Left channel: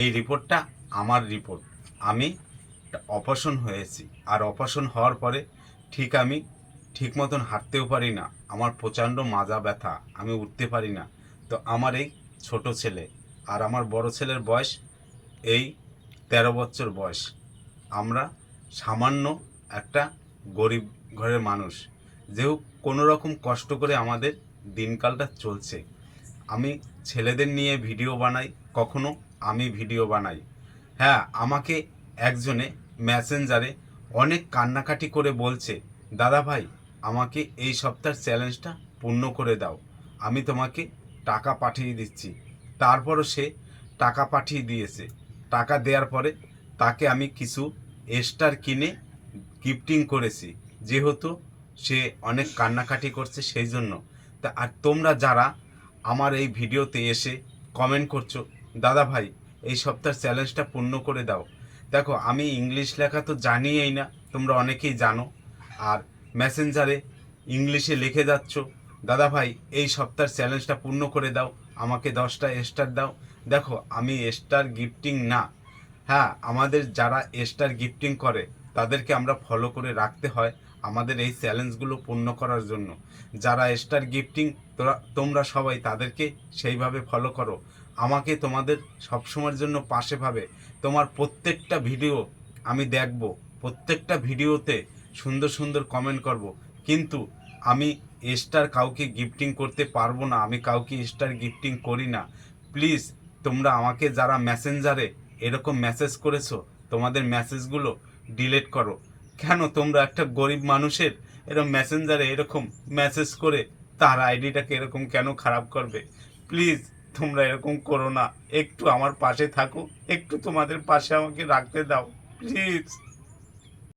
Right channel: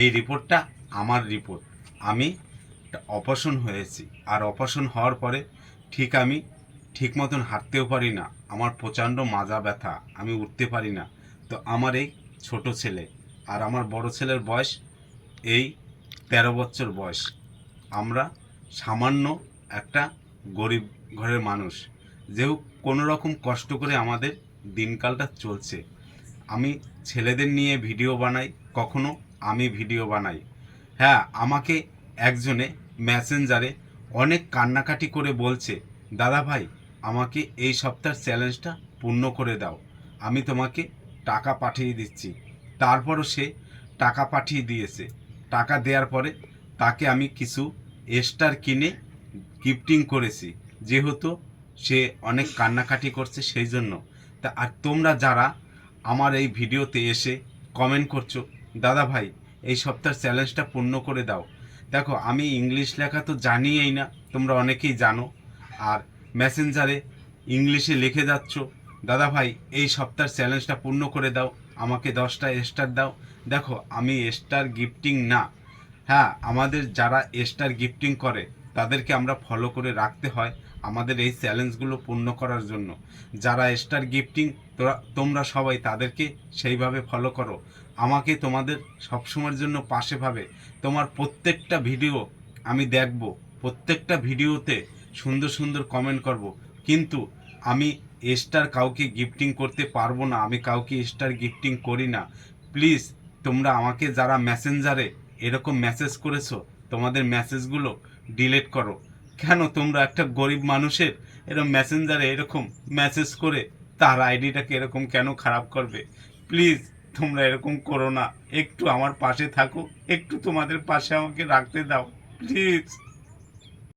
এই রিপোর্টটা আমার রিপোর্ট। আমি অপারেশন হয়েছি। আর অপারেশন হওয়ার পরে ঠিক আমি ঠিক মতন হাঁটতেও পারি না। আমার প্রচণ্ড মাজা ব্যথা। আমি উঠতে পারি না। তো আমার এই ছোট ছেলে আর আমার বড় ছেলের বয়স এই তেরো বছর বয়স। আমরা সামান্য একটা গরিব ঘরের মানুষ। যেহেতু কোনো রকম কষ্ট করে আমাদের দিনকালটা চলছে। আমি ছেলেদের নিয়ে ভিডিও বানাই কখনো আমি ভিডিও বানাই। হ্যাঁ আমাকে একজনে মেসেঞ্জারে অনেক কান্নাকাটি করে বলছে, দাদা ভাই, আমাকে এই সপ্তাহের চ্যালেঞ্জটা পূর্ণ করে দাও। আমি তোমাকে টাকা পাঠিয়ে দিচ্ছি। তারপরও সে টাকা পাঠিয়ে দিয়েছে। টাকা দেওয়ার পরে তাকে আমি কিছু এস্টার কিনে গিফটিং করেছি। যেহেতু সে অনেক কান্নাকাটি করছে সেই জন্য। তা, আর তোমরা যারা আমার এই ভিডিওতে এসে কমেন্ট করছ দাদা ভাই এই সপ্তাহের চ্যালেঞ্জটা পূর্ণ করে দাও। দেখো, আমি ইংলিশ লেখা তো জানিই না, তোমরা অনেকেই জানো। আর মেসেঞ্জারে ইংলিশে লিখে যাচ্ছ। দাদা ভাই এই সপ্তাহের চ্যালেঞ্জটা পূর্ণ করে দাও। আমাকে দশটা স্টার দাও। দেখো, আমি স্টার গিফটিং না। হ্যাঁ আমাদের যারা স্টার গিফটিং করে, তাদেরকে আমরা ফলো করে রাখতে হয় আমাদের এই চ্যালেঞ্জগুলো পূর্ণ করার জন্য। যারা স্টার গিফটিং তোমরা সবাই তাদেরকে সেইভাবে ফলো করো। আমাকে তোমাদের সবসময়ের জন্য পাশে ভাবে। তোমার প্রত্যেকটা ভিডিও আমি দেখব, প্রত্যেকটা ভিডিওতে সুন্দর সুন্দর কমেন্ট করব। কিন্তু আমি স্টার কাউকে গিফটিং করতে পারব না, আমি কাউকে স্টার গিফটিং করি না। প্লিজ তোমরা আমাকে যারা মেসেঞ্জারে এরকম মেসেজ করেছ? তোমাদের মেসেজগুলো ডিলেট করো। কেন তোমরা একটা গরিব মানুষের এরকম মেসেঞ্জারে এরকম মেসেজ করে তার আইডিটাকে এরকম কেন খারাপ করবে? প্লিজ তোমরা এরকম করো না। একটু আমার পাশে থাকো। একটু তোমাদের পাশে আমাকে রাখতে দাও। প্লিজ